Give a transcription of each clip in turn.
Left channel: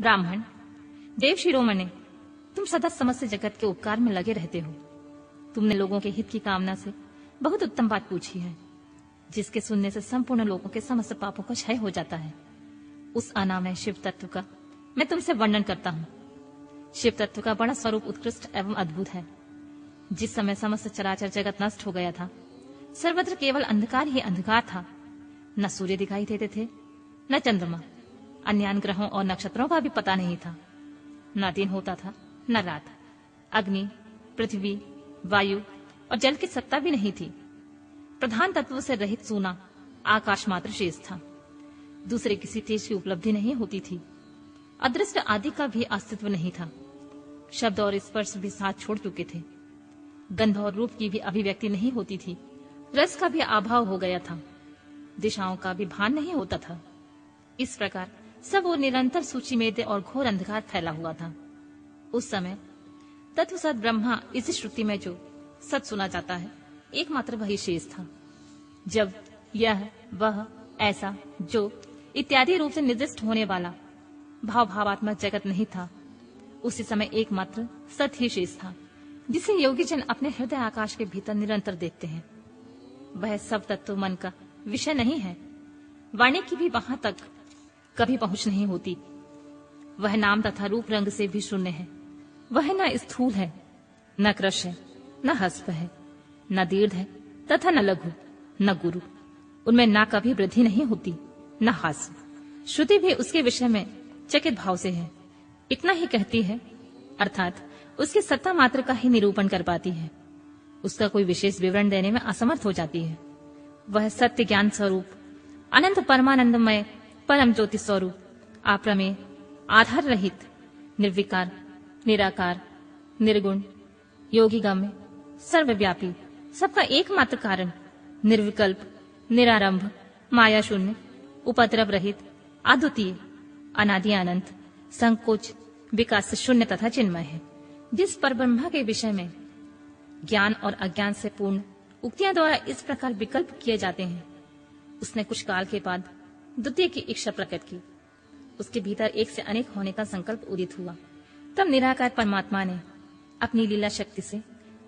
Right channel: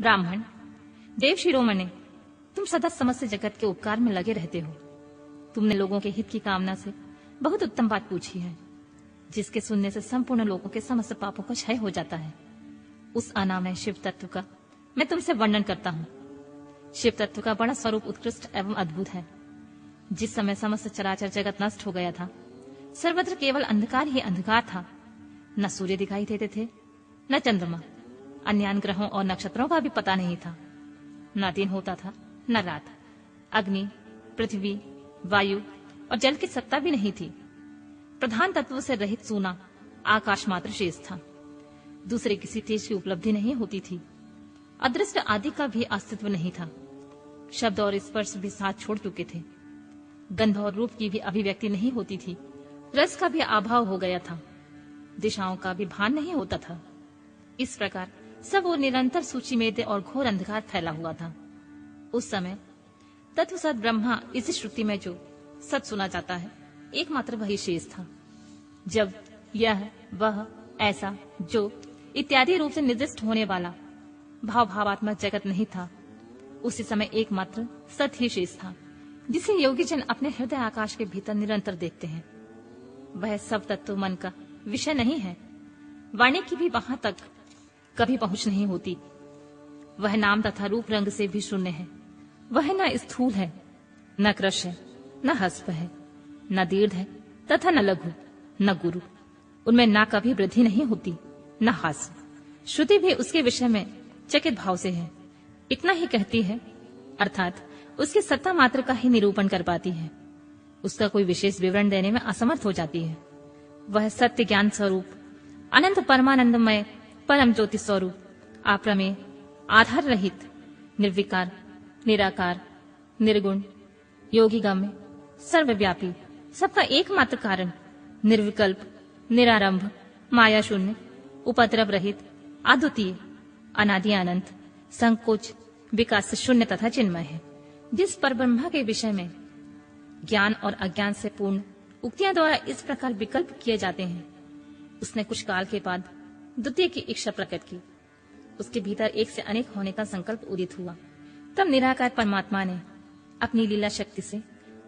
ब्राह्मण, देव शिरोमणे, तुम सदा समस्त जगत के उपकार में लगे रहते हो। तुमने लोगों के हित की कामना से बहुत उत्तम बात पूछी है, जिसके सुनने से संपूर्ण लोगों के समस्त पापों का क्षय हो जाता है। उस अनामय शिव तत्व का मैं तुमसे वर्णन करता हूँ। शिव तत्व का बड़ा स्वरूप उत्कृष्ट एवं अद्भुत है। जिस समय समस्त चराचर जगत नष्ट हो गया था, सर्वत्र केवल अंधकार ही अंधकार था। न सूर्य दिखाई देते थे, न चंद्रमा, अन्य ग्रहों और नक्षत्रों का भी पता नहीं था। न दिन होता था न रात। अग्नि, पृथ्वी, वायु और जल की सत्ता भी नहीं थी। प्रधान तत्व से रहित सूना आकाश मात्र शेष था। दूसरे किसी तेज की उपलब्धि नहीं होती थी। अदृष्ट आदि का भी अस्तित्व नहीं था। शब्द और स्पर्श भी साथ छोड़ चुके थे। गंध और रूप की भी अभिव्यक्ति नहीं होती थी। रस का भी अभाव हो गया था। दिशाओं का भी भान नहीं होता था। इस प्रकार सब और निरंतर सूची मेद और घोर अंधकार फैला हुआ था। उस समय तत्व सत ब्रह्मा इस श्रुति में जो सत सुना जाता है, एकमात्र वही शेष था। जब यह, वह, ऐसा, जो इत्यादि रूप से निर्दिष्ट होने वाला भावात्मक जगत नहीं था, उसी समय एकमात्र सत ही शेष था, जिसे योगी जन अपने हृदय आकाश के भीतर निरंतर देखते हैं। वह सब तत्व मन का विषय नहीं है। वाणी की भी वहां तक कभी पहुंच नहीं होती। वह नाम तथा रूप रंग से भी शून्य है। वह न स्थूल है, न कृश है, न हस्प है, न दीर्घ है तथा न लघु, न गुरु। उनमें न कभी वृद्धि नहीं होती, न हास्य। श्रुति भी उसके विषय में चकित भाव से है। इतना ही कहती है, अर्थात उसकी सत्ता मात्र का ही निरूपण कर पाती है। उसका कोई विशेष विवरण देने में असमर्थ हो जाती है। वह सत्य ज्ञान स्वरूप, अनंत परमानंदमय परम ज्योति स्वरूप, अप्रमेय, आधार रहित, निर्विकार, निराकार, निर्गुण, योगी गम्य, सर्वव्यापी, सबका एकमात्र कारण, निर्विकल्प, निरारंभ, माया शून्य, उपद्रव रहित, अद्वितीय, अनादि अनंत, संकोच, विकास शून्य तथा चिन्मय है। जिस परब्रह्मा के विषय में ज्ञान और अज्ञान से पूर्ण उक्तियां द्वारा इस प्रकार विकल्प किए जाते हैं, उसने कुछ काल के बाद द्वितीय की इच्छा प्रकट की। उसके भीतर एक से अनेक होने का संकल्प उदित हुआ। तब निराकार परमात्मा ने अपनी लीला शक्ति से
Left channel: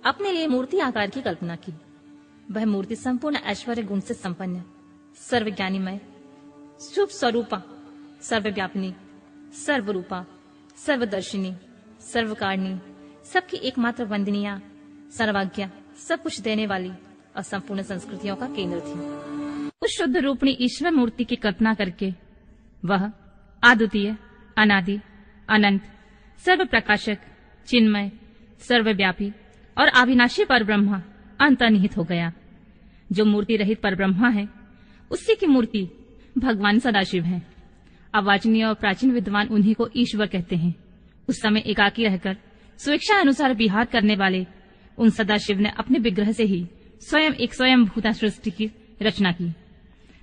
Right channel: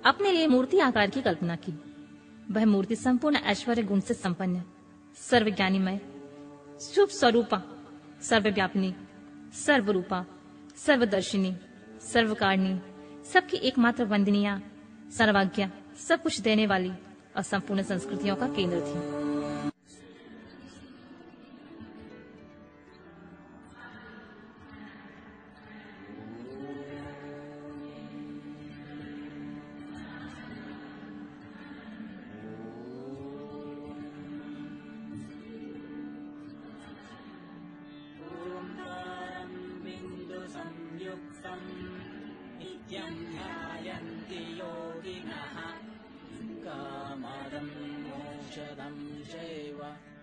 अपने लिए मूर्ति आकार की कल्पना की। वह मूर्ति संपूर्ण ऐश्वर्य गुण से संपन्न, सर्वज्ञानीमय, शुभ स्वरूपा, सर्वव्यापिनी, सर्वरूपा, सर्वदर्शिनी, सर्वकारिणी, सबकी एकमात्र वंदनीया, सर्वज्ञा, सब कुछ देने वाली और संपूर्ण संस्कृतियों का केंद्र थी। उस शुद्ध रूपणी ईश्वर मूर्ति की कल्पना करके वह अद्वितीय, अनादि, अनंत, सर्व प्रकाशक, चिन्मय, सर्वव्यापी और अविनाशी परब्रह्मा अंतर्निहित हो गया। जो मूर्ति रहित परब्रह्मा है, उसी की मूर्ति भगवान सदाशिव है। अवाचनीय और प्राचीन विद्वान उन्हीं को ईश्वर कहते हैं। उस समय एकाकी रहकर स्वेच्छा अनुसार विहार करने वाले उन सदाशिव ने अपने विग्रह से ही स्वयं एक स्वयंभूता सृष्टि की रचना की,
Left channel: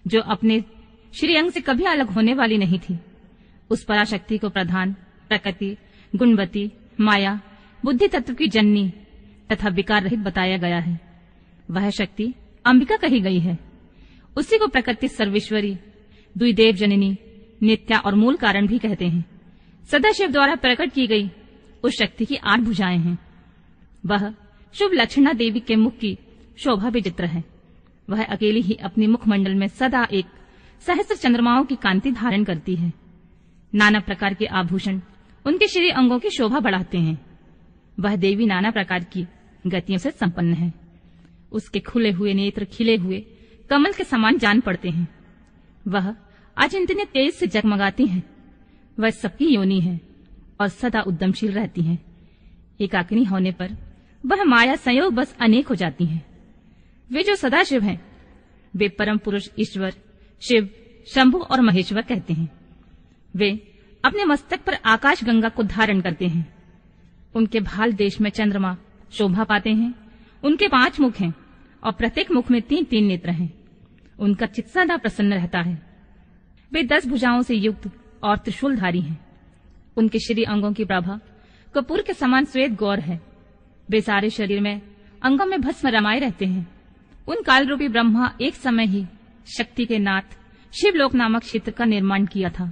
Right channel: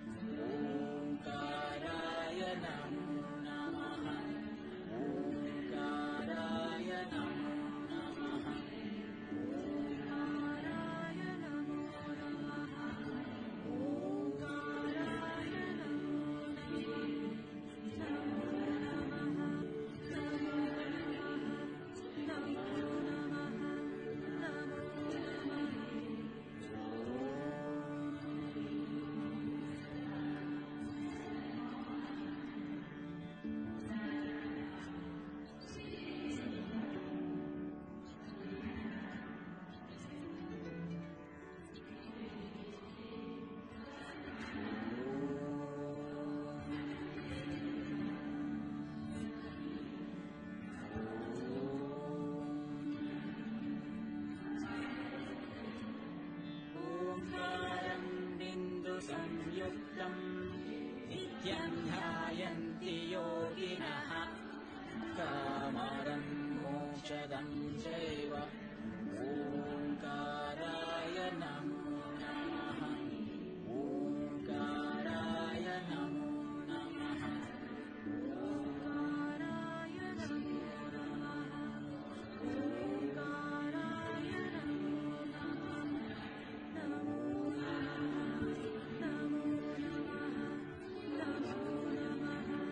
जो अपने श्रीअंग से कभी अलग होने वाली नहीं थी। उस पराशक्ति को प्रधान, प्रकृति, गुणवती, माया, बुद्धि तत्व की जननी तथा विकार रहित बताया गया है। वह शक्ति अंबिका कही गई है। उसी को प्रकृति सर्वेश्वरी, द्विदेव जननी, नित्या और मूल कारण भी कहते हैं। सदाशिव द्वारा प्रकट की गई उस शक्ति की 8 भुजाएं हैं। वह शुभ लक्षणा देवी के मुख की शोभा विचित्र है। वह अकेली ही अपने मुखमंडल में सदा एक सहस्त्र चंद्रमाओं की कांति धारण करती है। नाना प्रकार के आभूषण उनके श्री अंगों की शोभा बढ़ाते हैं। वह देवी नाना प्रकार की गतियों से संपन्न है। उसके खुले हुए नेत्र खिले हुए कमल के समान जान पड़ते हैं। वह अचिंतनीय तेज से जगमगाती हैं। वह सबकी योनि है और सदा उद्यमशील रहती हैं। एकाकिनी होने पर वह माया संयोग बस अनेक हो जाती हैं। वे जो सदाशिव हैं, वे परम पुरुष ईश्वर, शिव, शंभु और महेश्वर कहते हैं। वे अपने मस्तक पर आकाश गंगा को धारण करते हैं। उनके भाल देश में चंद्रमा शोभा पाते हैं। उनके 5 मुख हैं और प्रत्येक मुख में 3-3 नेत्र हैं। उनका चित्त सदा प्रसन्न रहता है। वे 10 भुजाओं से युक्त और त्रिशूलधारी हैं। उनके श्री अंगों की प्रभा कपूर के समान श्वेत गौर है। वे सारे शरीर में अंगों में भस्म रमाए रहते हैं। उन काल रूपी ब्रह्मा एक समय ही शक्ति के नाथ शिवलोक नामक क्षेत्र का निर्माण किया था।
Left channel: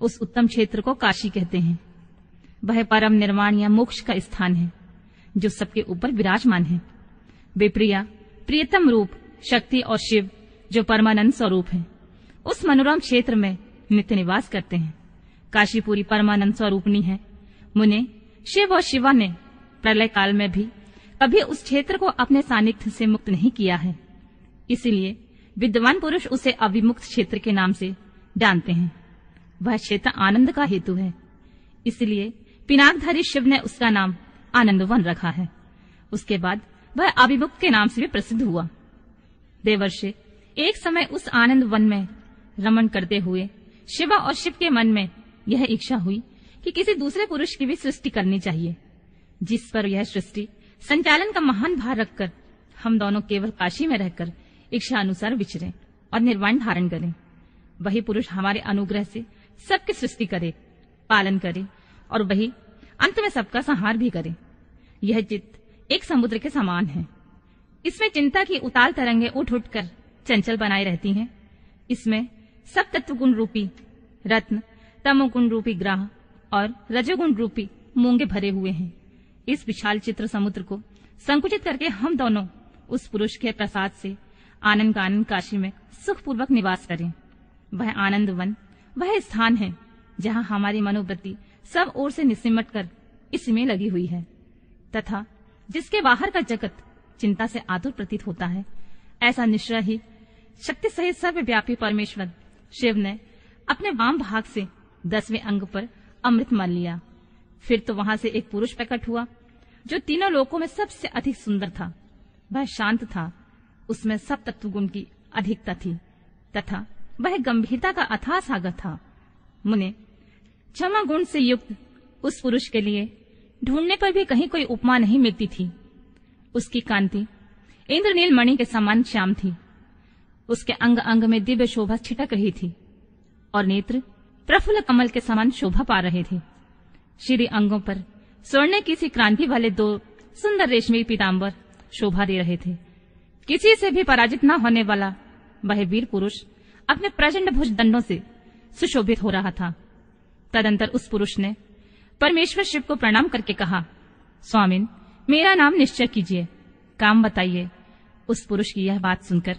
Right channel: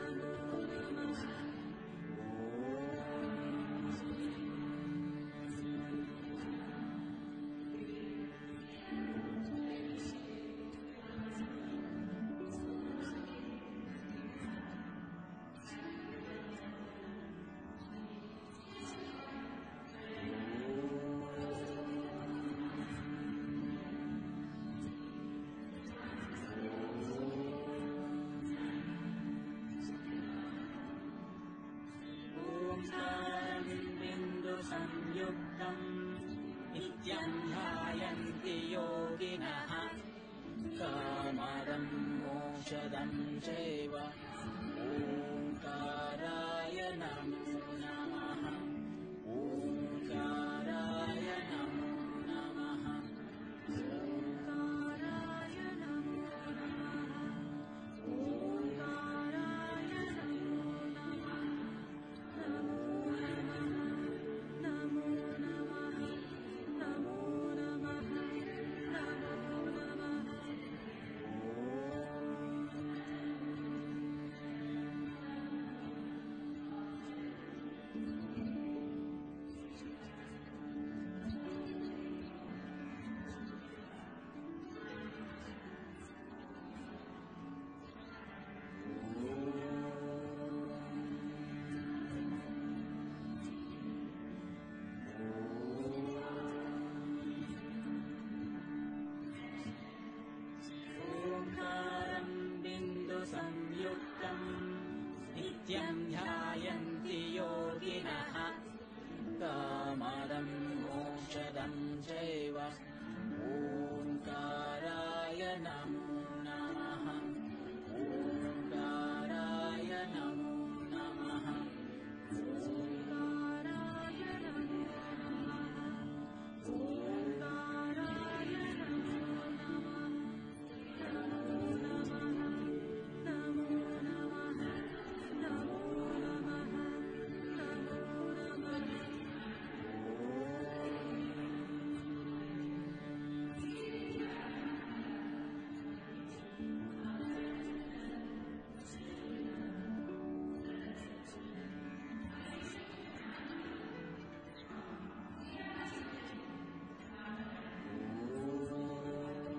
उस उत्तम क्षेत्र को काशी कहते हैं। वह परम निर्वाण या मोक्ष का स्थान है जो सबके ऊपर विराजमान है। वे प्रियतम रूप, शक्ति और शिव जो परमानंद स्वरूप है, उस मनोरम क्षेत्र में नित्य निवास करते हैं। काशी पूरी परमानंद स्वरूपनी है। मुने, शिव और शिवा ने प्रलय काल में भी कभी उस क्षेत्र को अपने सानिध्य से मुक्त नहीं किया है। इसीलिए विद्वान पुरुष उसे अविमुक्त क्षेत्र के नाम से जानते हैं। वह क्षेत्र आनंद का हेतु है, इसलिए पिनाकधारी शिव ने उसका नाम आनंदवन रखा है। उसके बाद वह अविमुक्त के नाम से भी प्रसिद्ध हुआ। देवर्षि, एक समय उस आनंद वन में रमण करते हुए शिवा और शिव के मन में यह इच्छा हुई कि किसी दूसरे पुरुष की भी सृष्टि करनी चाहिए, जिस पर यह सृष्टि संचालन का महान भार रखकर हम दोनों केवल काशी में रहकर इच्छा अनुसार विचरें और निर्वाण धारण करें। वही पुरुष हमारे अनुग्रह से सबकी सृष्टि करे, पालन करे और वही अंत में सबका संहार भी करे। यह चित्त एक समुद्र के समान है। इसमें चिंता की उताल तरंगे उठ उठकर चंचल बनाए रहती हैं। इसमें सब तत्व गुण रूपी रत्न, तमोगुण रूपी ग्राह और रजोगुण रूपी मूंगे भरे हुए हैं। इस विशाल चित्र समुद्र को संकुचित करके हम दोनों उस पुरुष के प्रसाद से आनंद कानन काशी में सुखपूर्वक निवास करें। वह आनंद वन वह स्थान है जहाँ हमारी मनोवृत्ति सब ओर से निसिमट कर इसमें लगी हुई है तथा जिसके बाहर का जगत चिंता से आतुर प्रतीत होता है। ऐसा निश्चय ही शक्ति सहित सर्वव्यापी परमेश्वर शिव ने अपने वाम भाग से 10वें अंग पर अमृत मान लिया। फिर तो वहां से एक पुरुष प्रकट हुआ जो तीनों लोकों में सबसे अधिक सुंदर था। वह शांत था, उसमें सब तत्व गुण की अधिकता थी तथा वह गंभीरता का अथाह सागर था। मुने, क्षमा गुण से युक्त उस पुरुष के लिए ढूंढने पर भी कहीं कोई उपमा नहीं मिलती थी। उसकी कांति इंद्रनील मणि के समान श्याम थी। उसके अंग अंग में दिव्य शोभा छिटक रही थी और नेत्र प्रफुल्ल कमल के समान शोभा पा रहे थे। श्री अंगों पर स्वर्ण की सी क्रांति वाले 2 सुंदर रेशमी पीताम्बर शोभा दे रहे थे। किसी से भी पराजित न होने वाला वह वीर पुरुष अपने प्रचंड भुज दंडों से सुशोभित हो रहा था। तदंतर उस पुरुष ने परमेश्वर शिव को प्रणाम करके कहा, स्वामिन, मेरा नाम निश्चय कीजिए, काम बताइए। उस पुरुष की यह बात सुनकर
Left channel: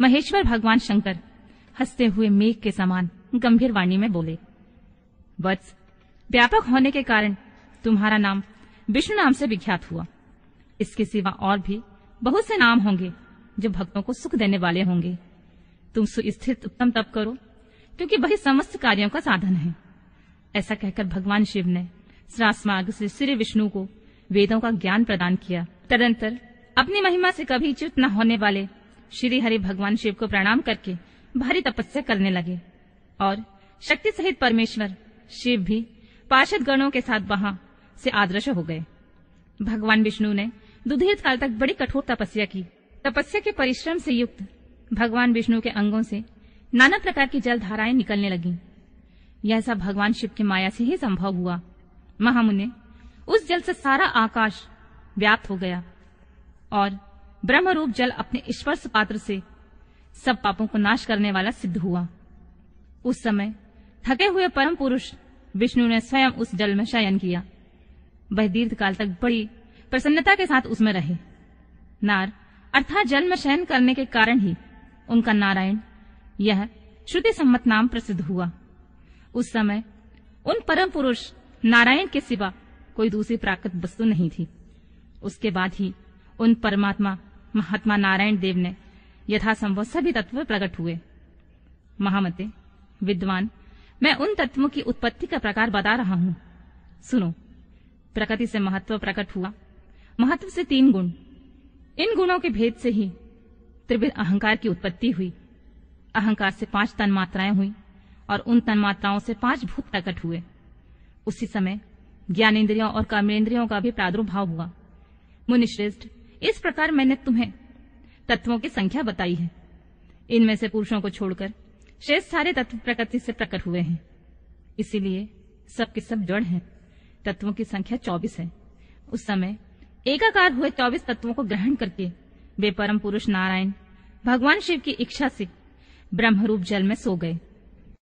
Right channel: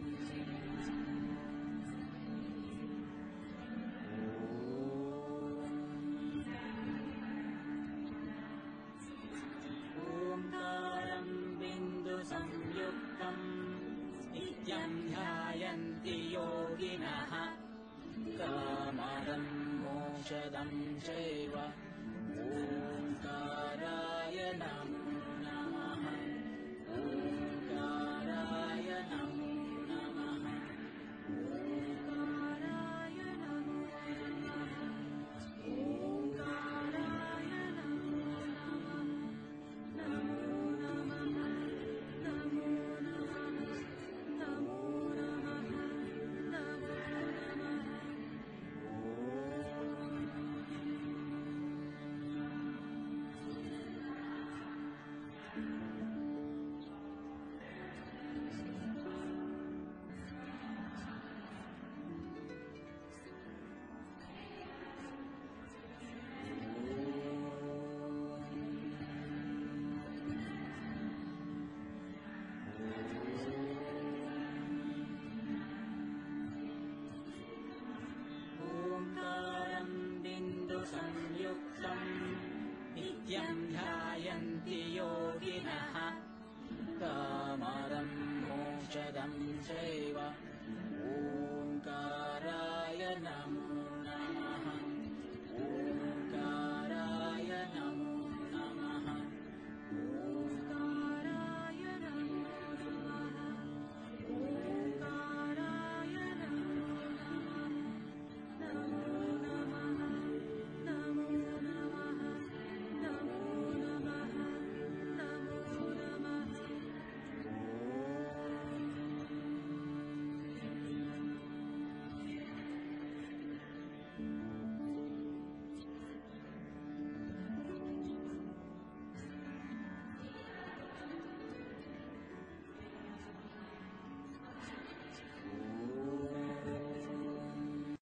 महेश्वर भगवान शंकर हंसते हुए मेघ के समान गंभीर वाणी में बोले, वत्स, व्यापक होने के कारण तुम्हारा नाम विष्णु नाम से विख्यात हुआ। इसके सिवा और भी बहुत से नाम होंगे जो भक्तों को सुख देने वाले होंगे। तुम सुस्थित उत्तम तप करो, क्योंकि वही समस्त कार्यों का साधन है। ऐसा कहकर भगवान शिव ने सहस्रार्ग से श्री विष्णु को वेदों का ज्ञान प्रदान किया। तदंतर अपनी महिमा से कभी च्युत न होने वाले श्री हरि भगवान शिव को प्रणाम करके भारी तपस्या करने लगे और शक्ति सहित परमेश्वर शिव भी पार्षद गणों के साथ वहां से आदर्श हो गए। भगवान विष्णु ने दुधीर काल तक बड़ी कठोर तपस्या की। तपस्या के परिश्रम से युक्त भगवान विष्णु के अंगों से नाना प्रकार की जल धाराएं निकलने लगीं। यह सब भगवान शिव की माया से ही संभव हुआ। महामुने, उस जल से सारा आकाश व्याप्त हो गया और ब्रह्म रूप जल अपने स्पर्श पात्र से सब पापों को नाश करने वाला सिद्ध हुआ। उस समय थके हुए परम पुरुष विष्णु ने स्वयं उस जल में शयन किया। वह दीर्घ काल तक बड़ी प्रसन्नता के साथ उसमें रहे। नार अर्थात जल में शयन करने के कारण ही उनका नारायण यह श्रुति सम्मत नाम प्रसिद्ध हुआ। उस समय उन परम पुरुष नारायण के सिवा कोई दूसरी प्राकृत वस्तु नहीं थी। उसके बाद ही उन परमात्मा महात्मा नारायण देव ने यथासंभव सभी तत्व प्रकट हुए। महामते, विद्वान, मैं उन तत्वों की उत्पत्ति का प्रकार बता रहा हूँ। सुनो। प्रकृति से महत्व प्रकट हुआ, महत्व से 3 गुण। इन गुणों के भेद से ही त्रिविध अहंकार की उत्पत्ति हुई। अहंकार से 5 तन्मात्राएं हुई और उन तन्मात्राओं से 5 भूत प्रकट हुए। उसी समय ज्ञानेन्द्रियों और कर्मेंद्रियों का भी प्रादुर्भाव हुआ। मुनिश्रेष्ठ, इस प्रकार मैंने तुम्हें तत्वों की संख्या बताई है। इनमें से पुरुषों को छोड़कर शेष सारे तत्व प्रकृति से प्रकट हुए हैं। इसीलिए सब के सब जड़ हैं। तत्वों की संख्या 24 है। उस समय एकाकार हुए 24 तत्वों को ग्रहण करके वे परम पुरुष नारायण भगवान शिव की इच्छा से ब्रह्मरूप जल में सो गए।